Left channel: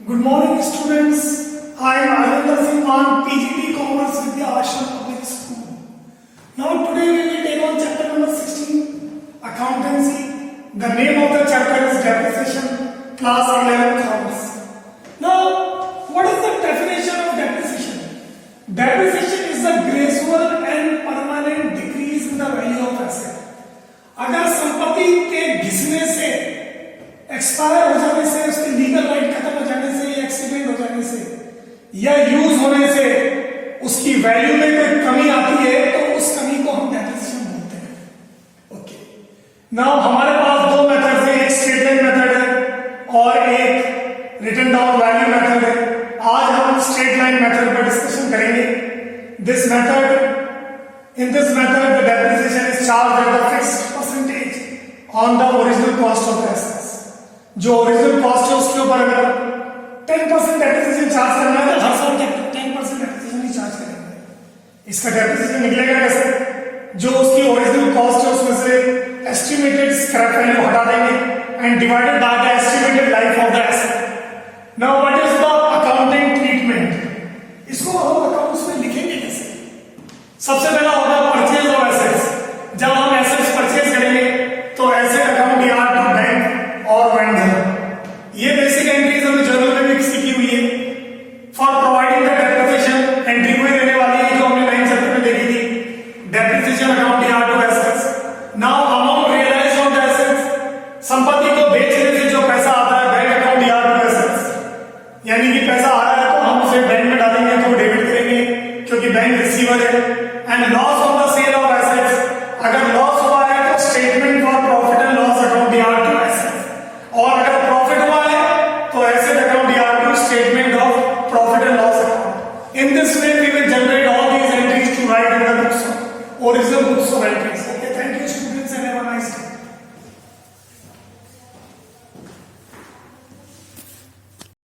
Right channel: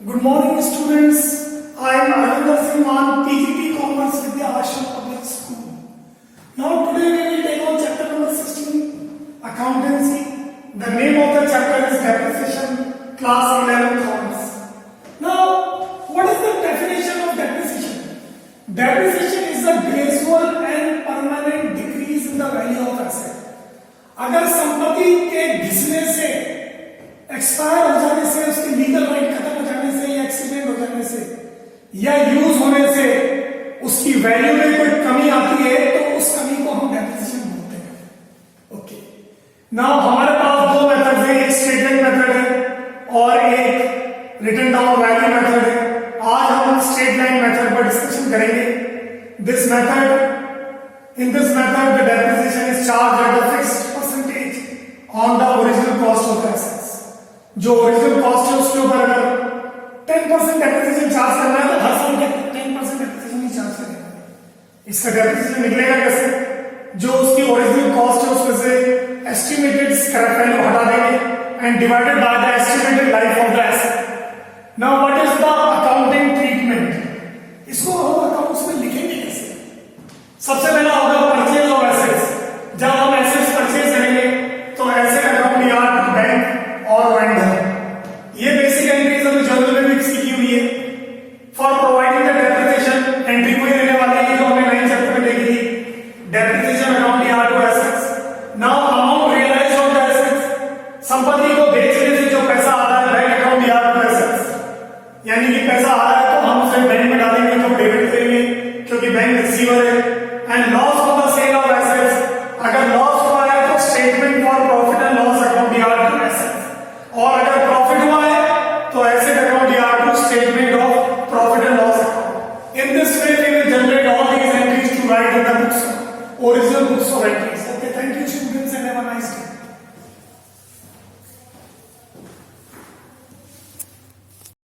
Good morning, students. I am Arvind Singh, PGP Commerce Vidya Ashram Public School. Now today we will take on chapter number 16, Accountancy. The name of the chapter is Depreciation, Class 11 Commerce. Now, what is the definition of depreciation? Depreciation is a gradual and permanent decrease in the value of asset. अगर संपत्ति के घिसने से, expire हो जाने से, उसकी legal right खत्म हो जाने से, या एक्सीडेंट हो जाने से, या यूज होने से उसकी वैल्यू में कोई कमी आती है तो उस कमी को हम डेप्रिसिएशन बोलते हैं. ओके. नाउ हमारे पास दो मेथड है, एक स्ट्रेट लाइन मेथड है और एक रिटन डाउन वैल्यू मेथड है. आज हम स्ट्रेट लाइन मेथड पर डिस्कशन करेंगे. In this method, the depreciation is charged at a fixed percentage on the original cost of the assets. जो ओरिजिनल कॉस्ट है उसके ऊपर अगर 10% डेप्रिसिएशन चार्ज करना है तो हर साल 10% डेप्रिसिएशन ही चार्ज करेंगे. इसका डेप्रिसिएशन निकलेगा कैसे? जो उसकी ओरिजिनल कॉस्ट है उसमें से एस्टिमेटेड स्क्रैप वैल्यू हटा देंगे and divided by the estimated life of the asset. Now what is the accounting treatment? इसको हम अकाउंट्स में लिखेंगे कैसे? सबसे पहला होगा परचेज ऑफ एसेट्स. जब हम एसेट्स परचेज करेंगे तो एसेट अकाउंट याद बैंक और वेंडर, ये बेसिक एंट्रीज हमें जर्नल में मिक्स की हुई है. For providing the depreciation entry में देने वाली है जो हमने नए चैप्टर में देखी थी. डेप्रिसिएशन अकाउंट याद to assets. Now amount realise on the assets. संपत्ति को बेचने से जो पैसा आता है बैंक अकाउंट याद टू एसेट्स. यानी कि पैसा आ रहा है तो हम उसे बैंक में डालेंगे तो डेबिट करेंगे क्योंकि बैंक रिसीवर है. And loss of the sale of assets. अगर लॉस हुआ है तो statement for profit and loss account याद टू एसेट्स. और अगर प्रॉफिट हुआ है तो एसेट अकाउंट याद to statement of profit and loss account. In this way we will generate all these entries to write in the books, original books of entries. Okay, thank you students and have a nice day.